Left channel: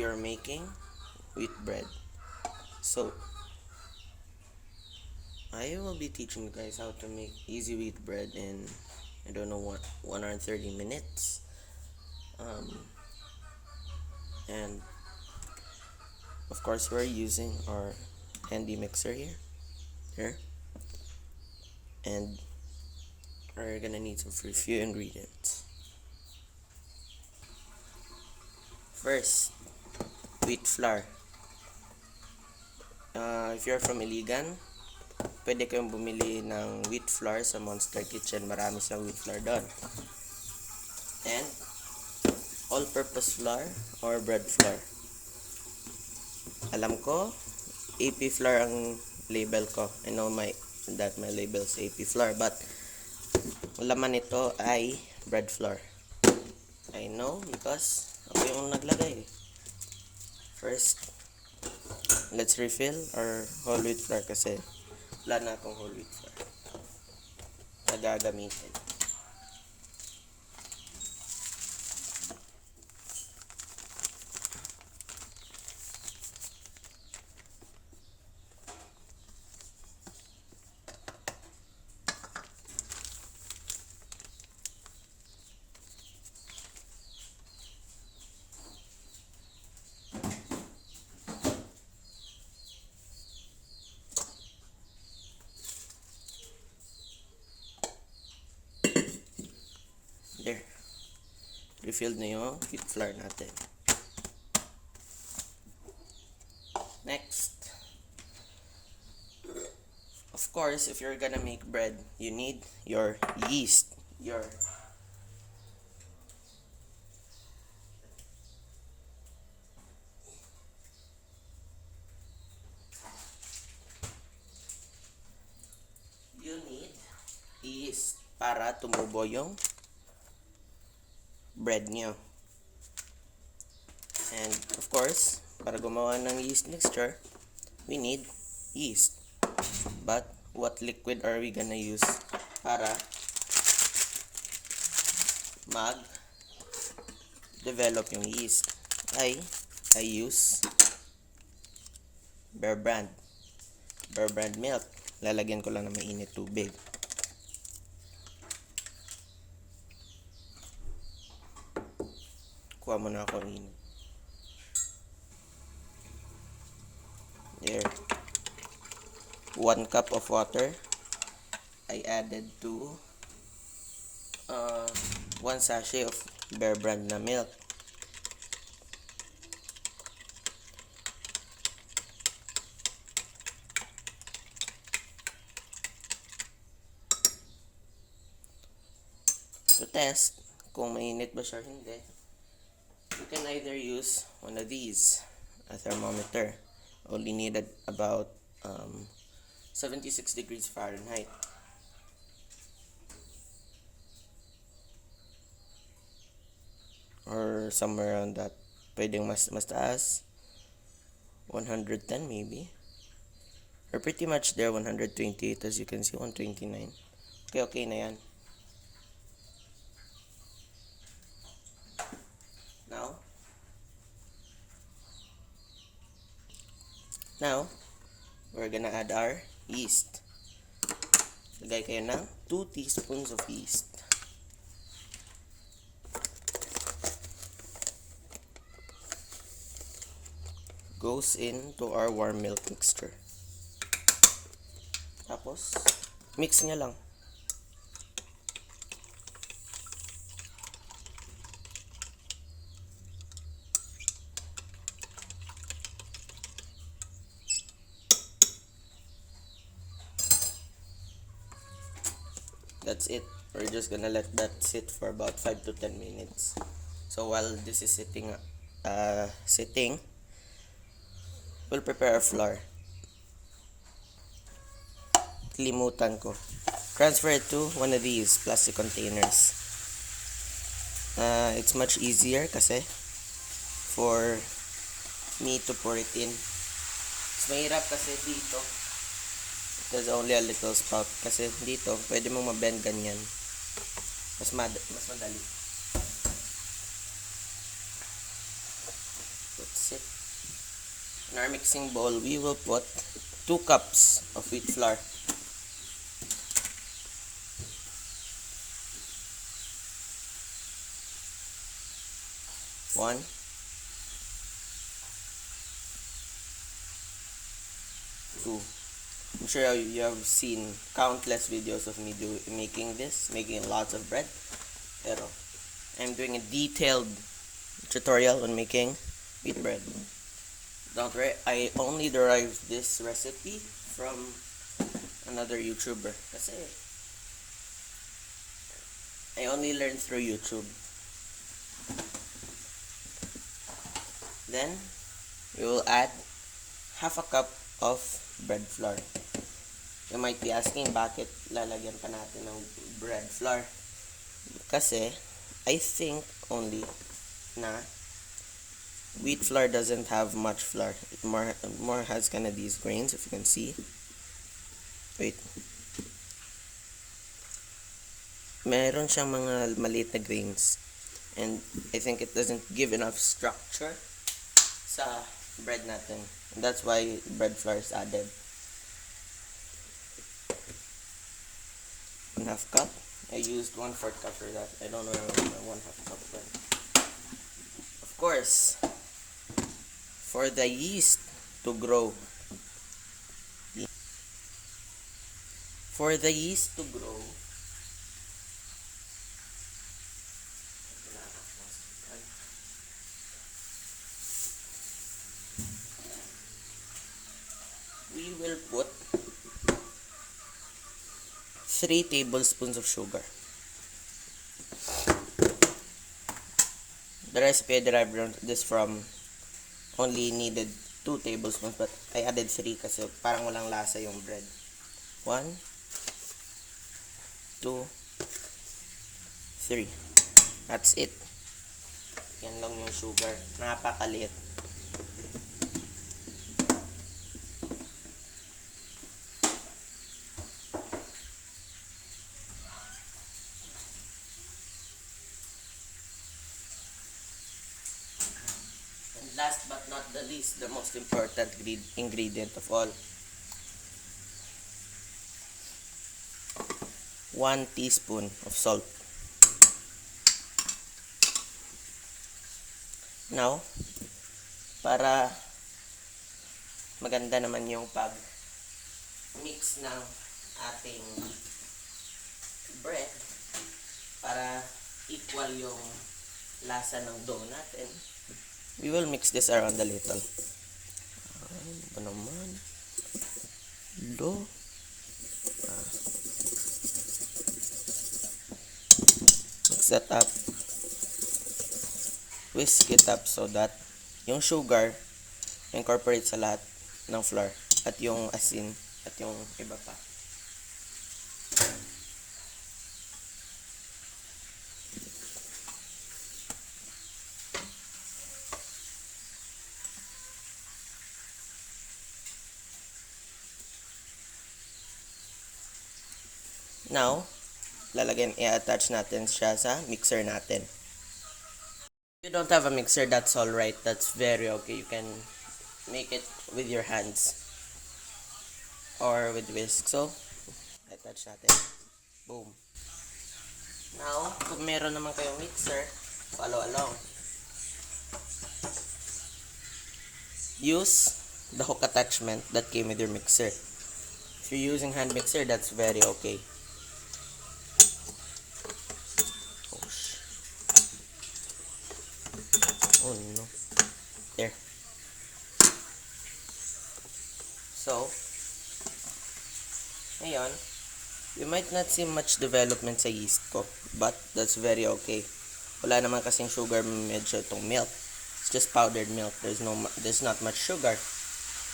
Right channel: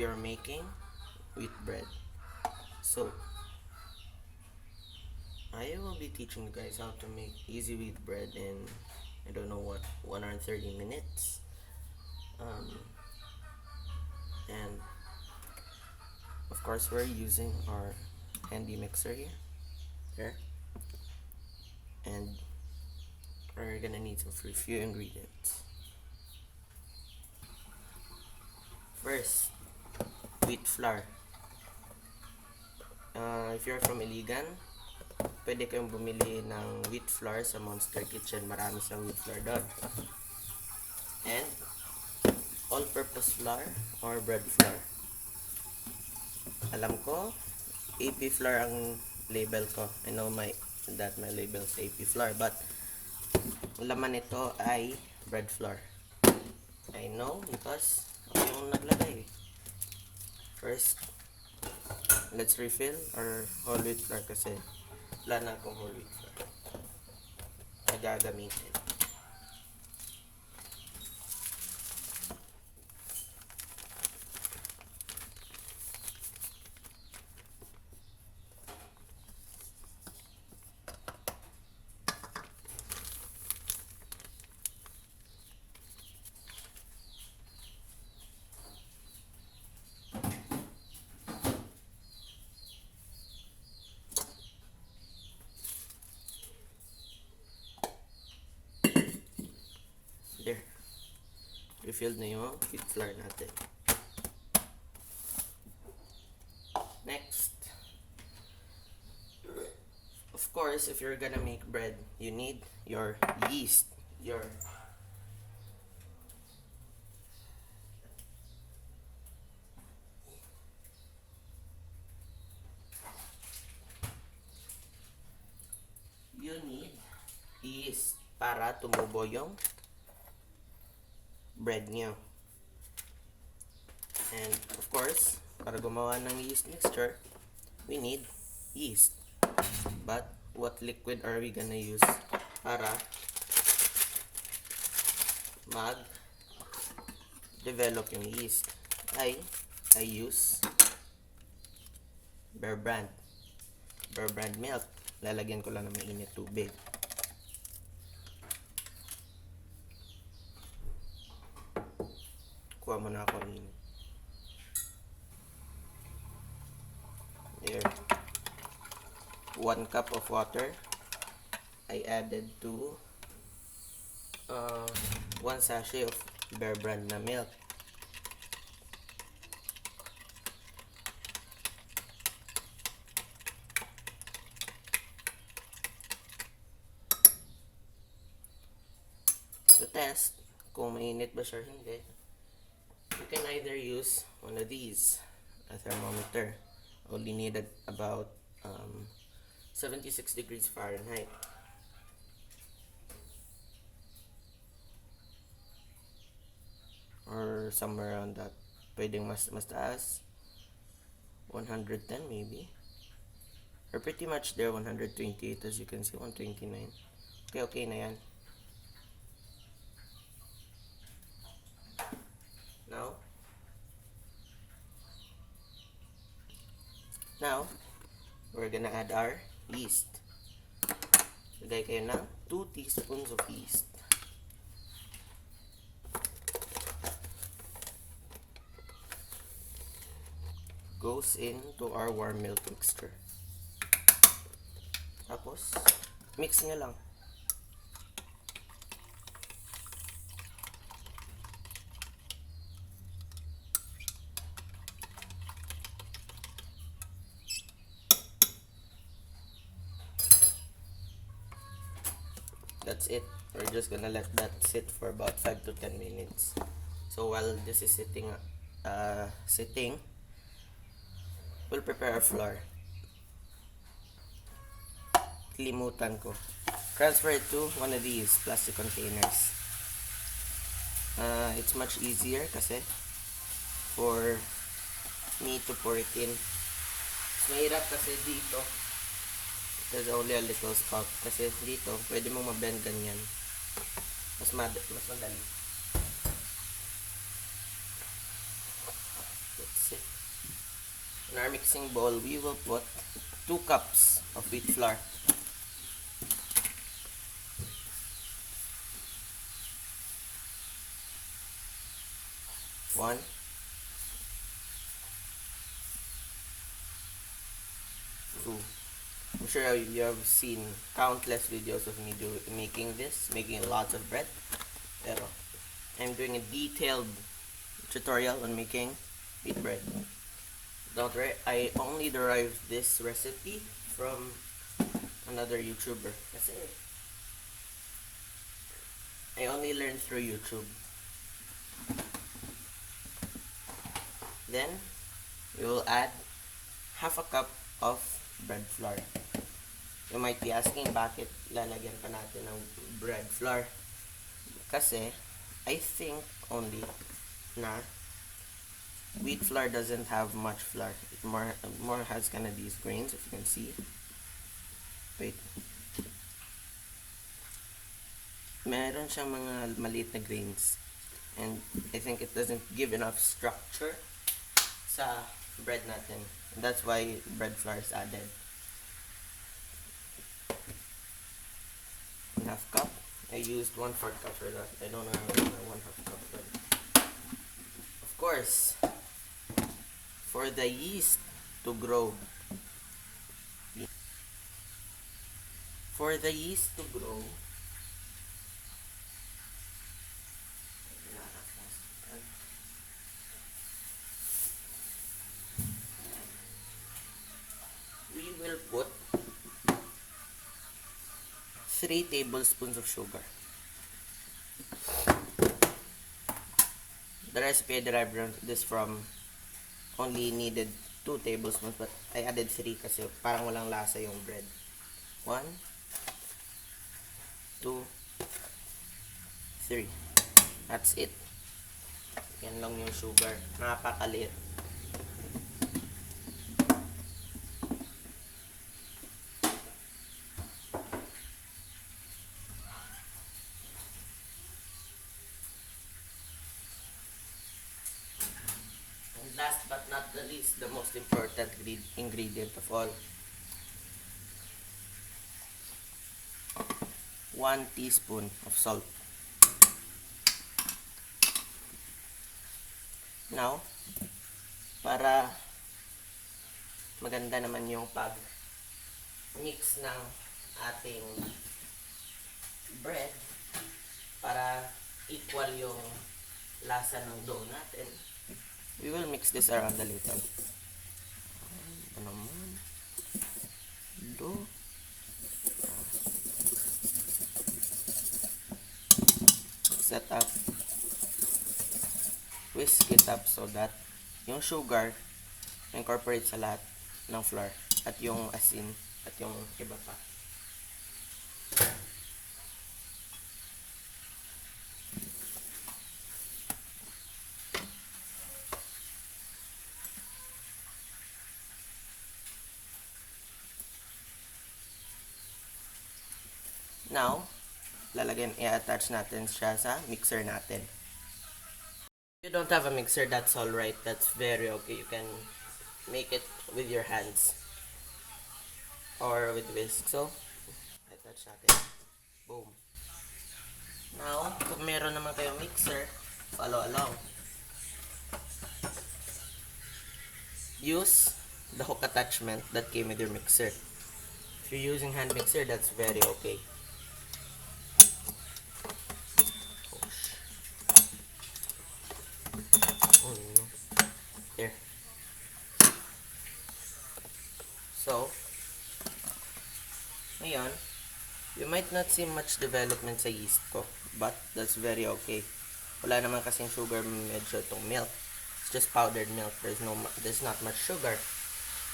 we are making wheat bread. So I will be teaching you guys how to make easy wheat bread in, I don't know what, 1 hour and 30 minutes. And of course we're using our handy mixer here, and we're gonna need some few ingredients. First, wheat flour. If you're from Iligan, pwede kayong bumili ng wheat flour sa Monster Kitchen. Marami sa wheat flour doon. And all-purpose flour or bread flour. Alam ko, AP flour ang label ko. I know that my label is AP flour, but laman nito ay bread flour. I know because ako yung naglagay. First, let's refill our whole wheat flour kasi wala na akong whole wheat flour na gagamitin. There. Refilled na yung wheat flour natin. Next. Of course, if you're gonna make bread, you need your yeast. You need yeast para tumubo yung bread nyo. And of course, para gumawa ng yeast mixture, we need yeast. But what liquid are we gonna use para mag-develop yung yeast? I use Bear Brand milk. Lalagyan ko lang ng mainit tubig. Kuha mo na ako ng init. There. 1 cup of water. I added to 1 sachet of Bear Brand na milk. To test kung mainit ba siya or hindi, you can either use one of these, a thermometer. Only needed about 76 degrees Fahrenheit. Or somewhere around that. Pwedeng mas taas. 110 maybe. Or pretty much there, 128 as you can see, 129. Okay na yan. Now, we're gonna add our yeast. Lagay kayo ng 2 teaspoons of yeast. Goes into our warm milk mixture. Tapos, mix nyo lang. That's it. We're just gonna let that sit for about 5 to 10 minutes. So while this is sitting, we'll prepare our flour. Limutan ko. Transfer it to one of these plastic containers. It's much easier kasi for me to pour it in. Mas mahirap kasi dito. There's only a little spout. Kasi dito, pwede mong ma-bend ganyan. Mas madali. That's it. In our mixing bowl, we will put 2 cups of wheat flour. One, two. I'm sure you have seen countless videos of me making lots of bread. Pero I'm doing a detailed tutorial on making wheat bread. Don't worry, I only derived this recipe from another YouTuber. Kasi I only learned through YouTube. Then, we will add half a cup of bread flour. You might be asking, bakit lalagyan pa natin ng bread flour? Kasi, I think only na wheat flour doesn't have much flour. It more has kind of these grains, if you can see. Wait. Meron siyang mga maliit na grains. And I think it doesn't give enough structure sa bread natin. And that's why bread flour is added. Half cup. I used 1/4 cup for that. I don't know where my 1/2 cup went. Of course, for the yeast to grow, we will put 3 tablespoons of sugar. The recipe I derived this from only needed 2 tablespoons, but I added 3 kasi parang walang lasa yung bread. 1, 2, 3. That's it. Yan lang yung sugar. Napakaliit. Last but not the least, the most important ingredient of all. 1 teaspoon of salt. Now, para maganda naman yung pag-mix ng ating bread, para equal yung lasa ng dough natin, we will mix this around a little. Ano naman? Mix that up. Whisk it up so that yung sugar incorporate sa lahat ng flour at yung asin at yung iba pa. Now, i-attach natin siya sa mixer natin. If you don't have a mixer, that's alright. That's very okay. You can make it with your hands or with whisk. So, attach natin. Boom. Now, kung meron naman kayong mixer, follow along. Use the hook attachment that came with your mixer. If you're using hand mixer, that's very okay. Oh no. There. So, ngayon, you might not see much development sa yeast ko, but that's very okay. Wala naman kasing sugar medyo itong milk. It's just powdered milk. There's not much sugar.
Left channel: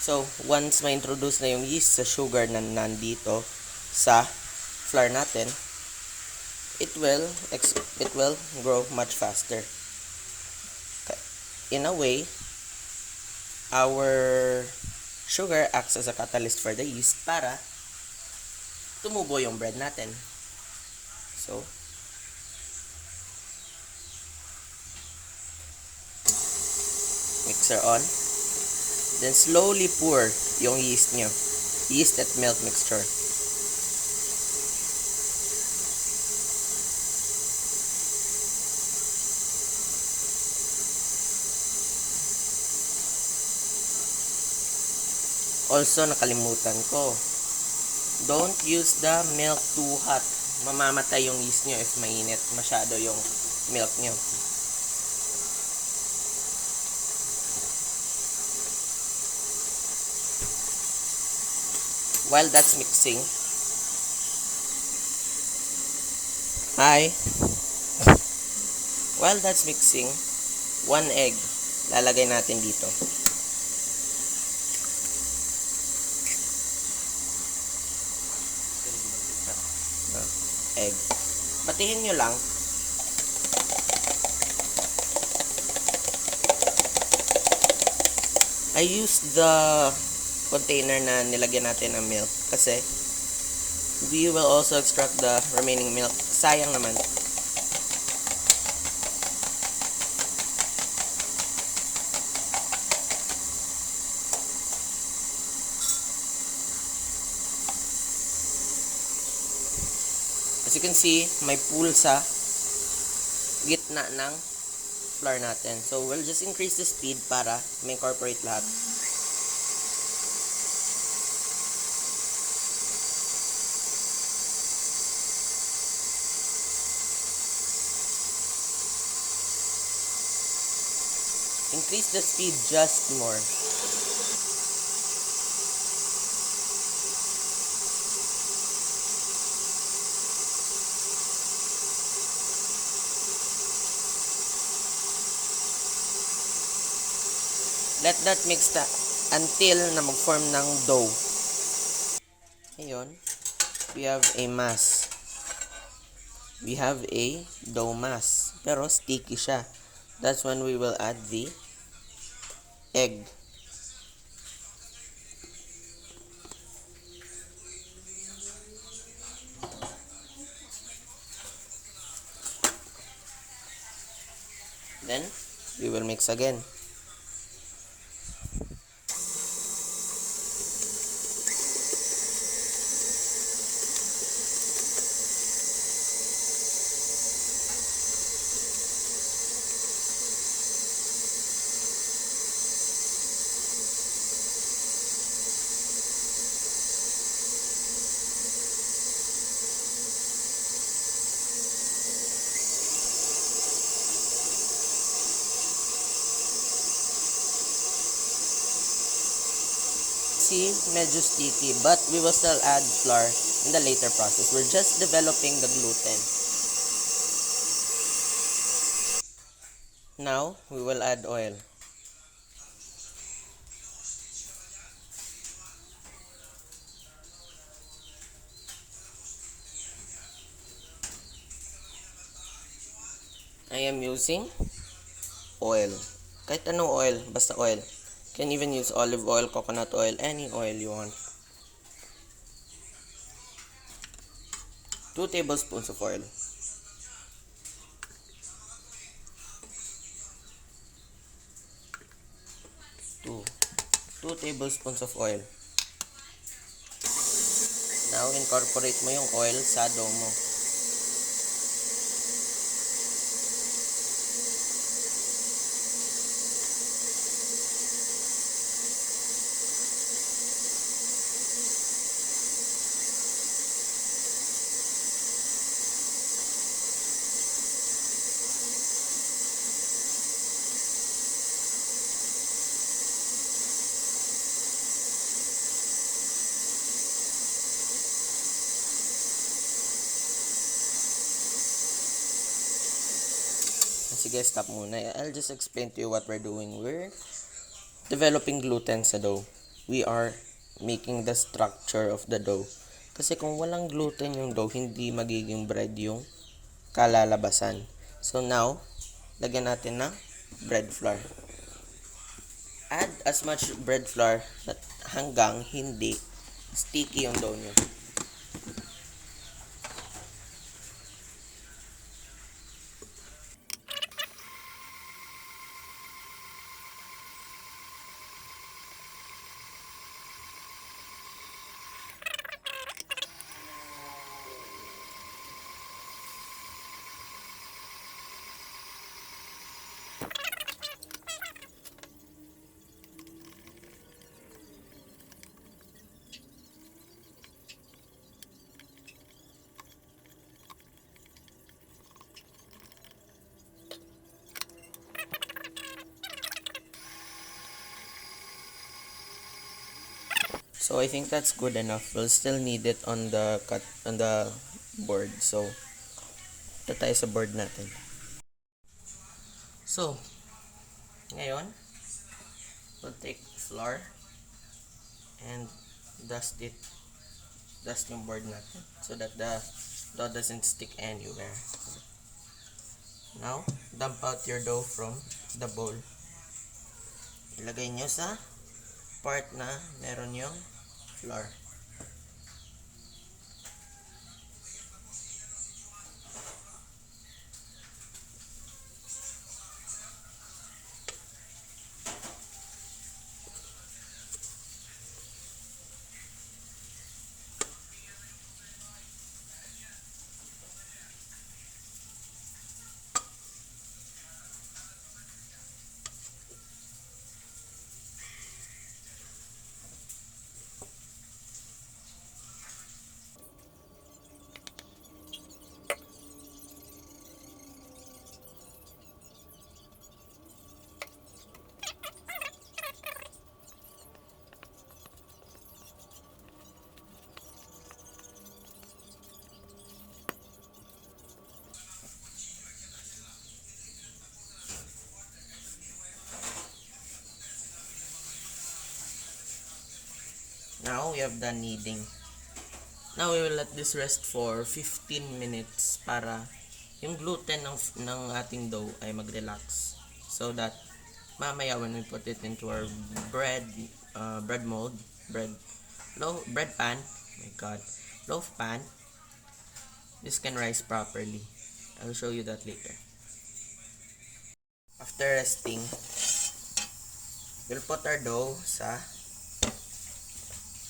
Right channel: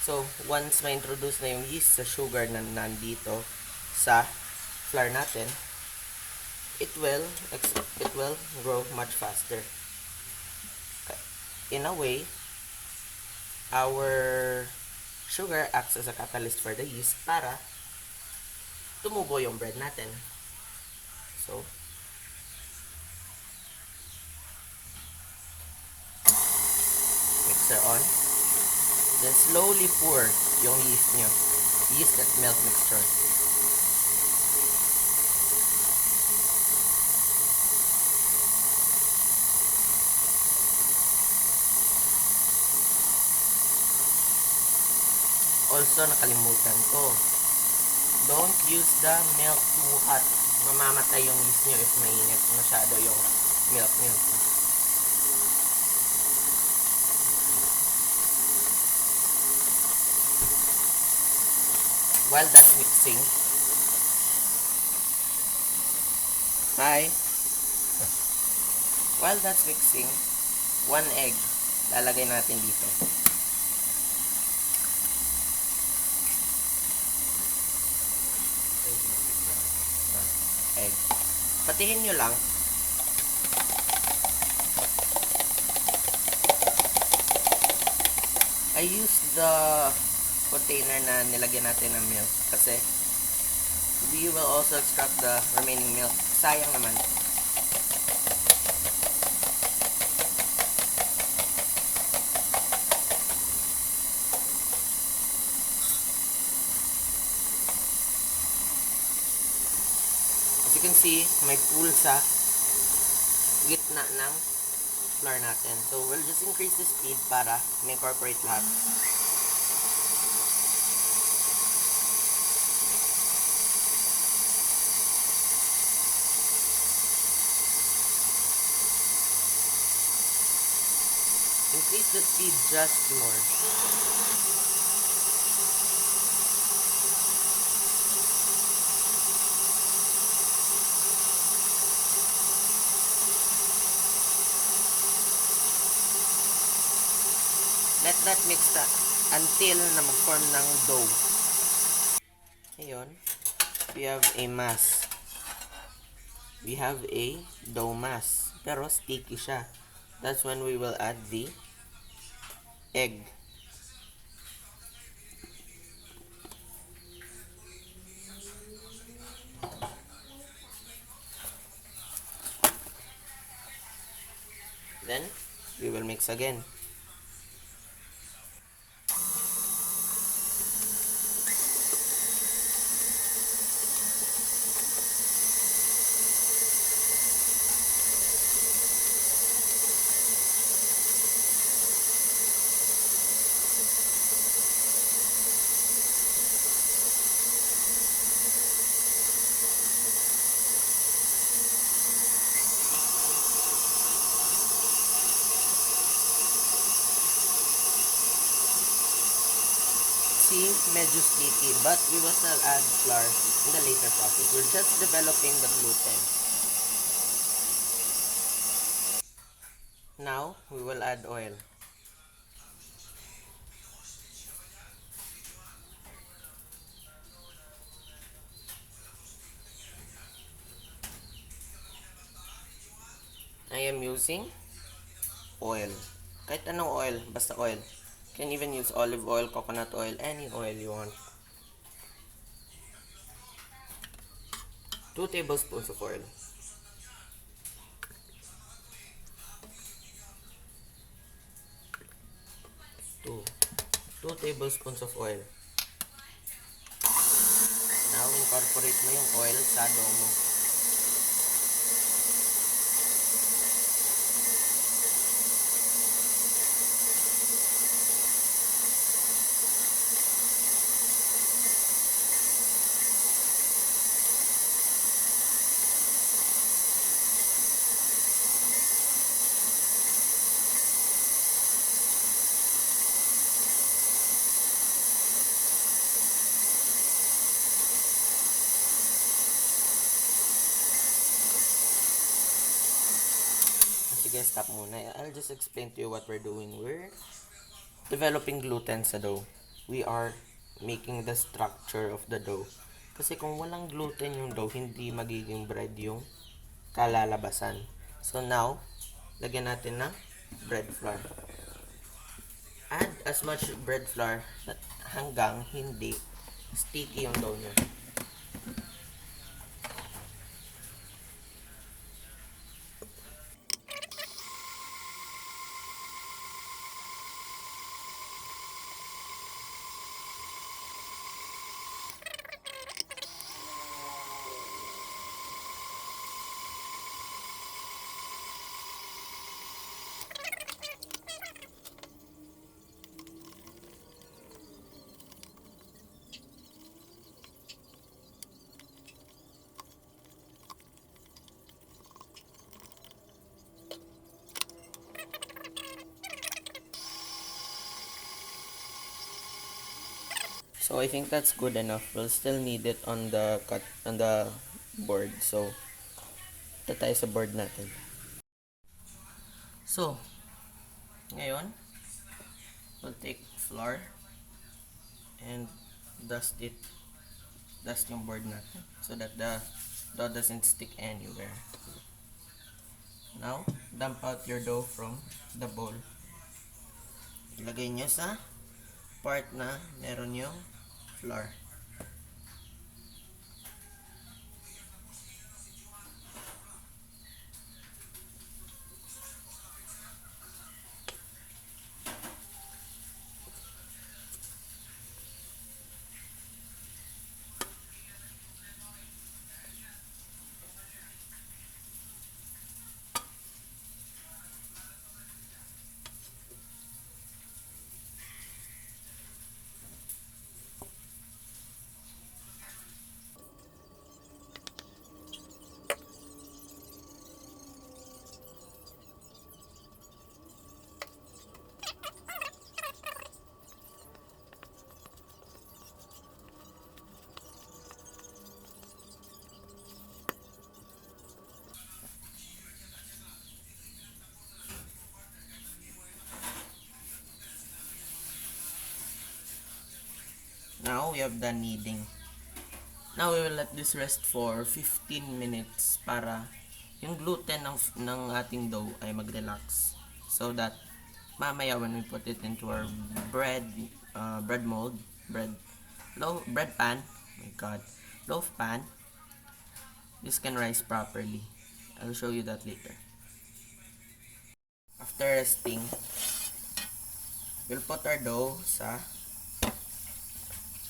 So, once ma-introduce na yung yeast sa sugar na nandito sa flour natin, it will grow much faster. In a way, our sugar acts as a catalyst for the yeast para tumubo yung bread natin. So, mixer on. Then slowly pour yung yeast nyo. Yeast at milk mixture. Also, nakalimutan ko. Don't use the milk too hot. Mamamatay yung yeast nyo if mainit masyado yung milk nyo. While that's mixing, while that's mixing, 1 egg lalagay natin dito. Egg. Patihin nyo lang. I used the container na nilagyan natin ng milk kasi we will also extract the remaining milk. Sayang naman. As you can see, may pool sa gitna ng flour natin. So, we'll just increase the speed para ma-incorporate lahat. Increase the speed just more. Let that mix until na mag-form ng dough. Ayun. We have a mass. We have a dough mass. Pero sticky siya. That's when we will add the egg. Then, we will mix again. See, medyo sticky, but we will still add flour in the later process. We're just developing the gluten. Now, we will add oil. I am using oil. Kahit anong oil, basta oil. You can even use olive oil, coconut oil, any oil you want. 2 tablespoons of oil. 2 tablespoons of oil. Now, incorporate mo yung oil sa dough mo. Sige, stop muna. I'll just explain to you what we're doing. We're developing gluten sa dough. We are making the structure of the dough. Kasi kung walang gluten yung dough, hindi magiging bread yung kalalabasan. So now, lagyan natin ng bread flour. Add as much bread flour hanggang hindi sticky yung dough nyo. So I think that's good enough. We'll still need it on the board. So ito tayo sa board natin. So ngayon, we'll take flour and dust yung board natin so that the dough doesn't stick anywhere. Now, dump out your dough from the bowl. Ilagay nyo sa part na meron yung flour. Now, we have done kneading. Now, we will let this rest for 15 minutes para yung gluten ng ating dough ay mag-relax. So that, mamaya when we put it into our bread mold, bread pan, oh my god, loaf pan, this can rise properly. I'll show you that later. After resting, we'll put our dough sa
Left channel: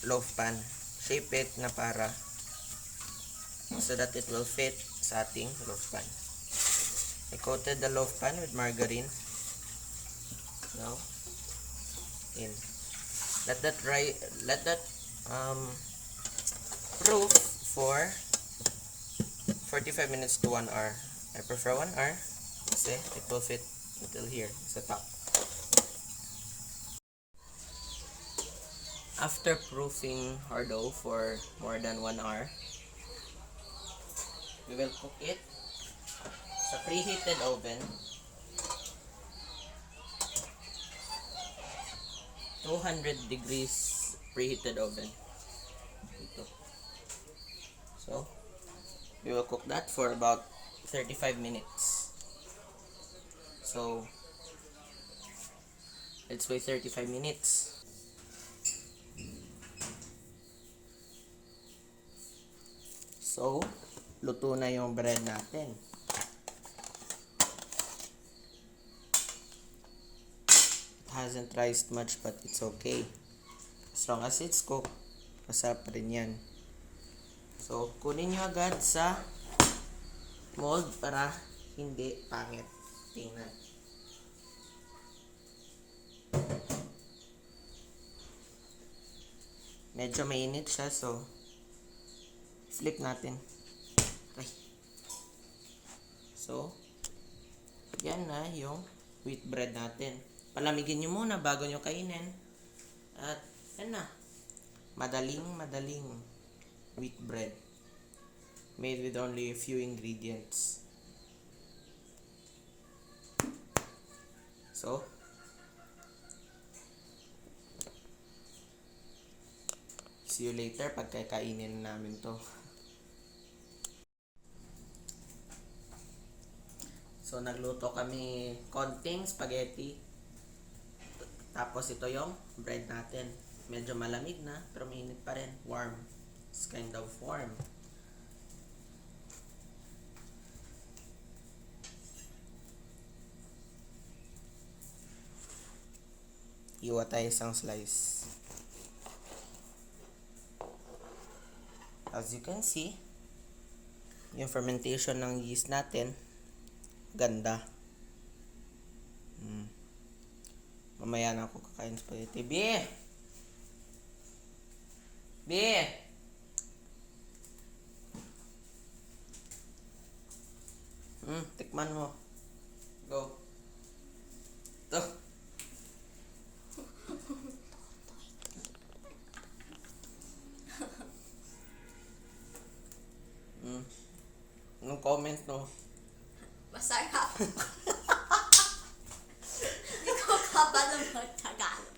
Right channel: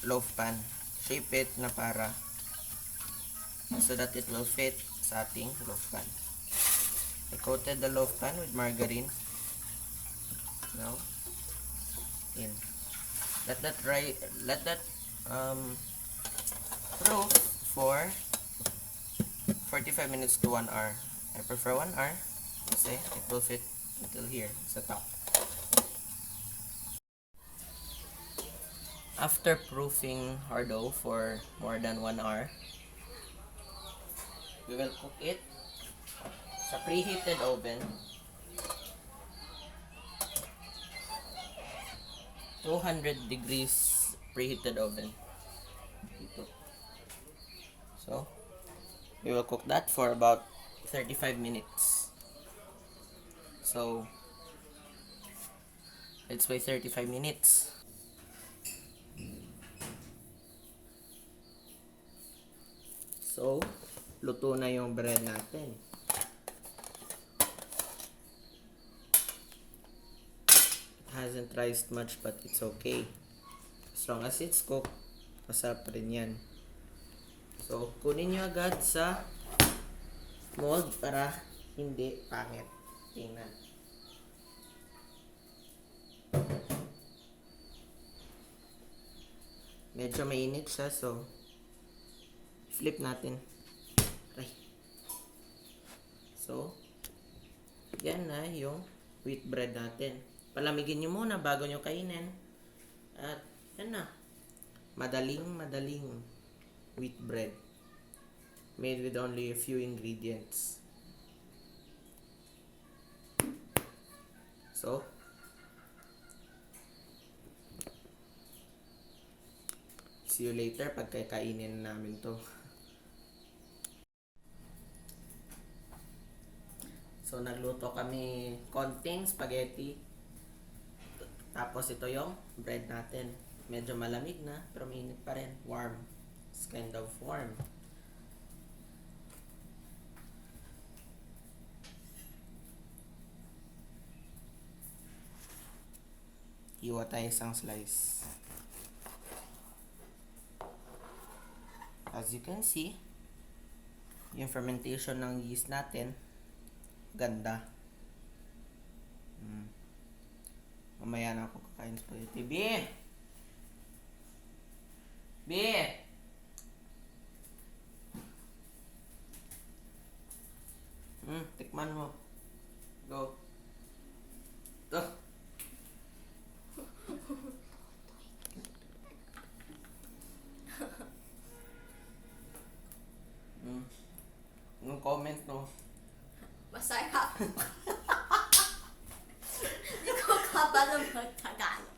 loaf pan. Shape it na para so that it will fit sa ating loaf pan. I coated the loaf pan with margarine. Now, in. Let that proof for 45 minutes to 1 hour. I prefer 1 hour kasi it will fit until here sa top. After proofing our dough for more than 1 hour, we will cook it sa preheated oven, 200 degrees preheated oven. So, we will cook that for about 35 minutes. So, let's wait 35 minutes. So, luto na yung bread natin. It hasn't rised much but it's okay. As long as it's cooked, masarap pa rin yan. So, kunin nyo agad sa mold para hindi pangit tingnan. Medyo mainit siya, so flip natin. Okay. So, yan na yung wheat bread natin. Palamigin nyo muna bago nyo kainin. At yan na. Madaling wheat bread. Made with only a few ingredients. So, see you later pag kakainin namin to. So, nagluto kami konting spaghetti. Tapos ito yung bread natin. Medyo malamig na, pero mainit pa rin. Warm. It's kind of warm. Iwa tayo isang slice. As you can see, yung fermentation ng yeast natin, ganda. Mamaya na ako kakain spaghetti. B! Tikman mo. Go. Ito. Tagalog.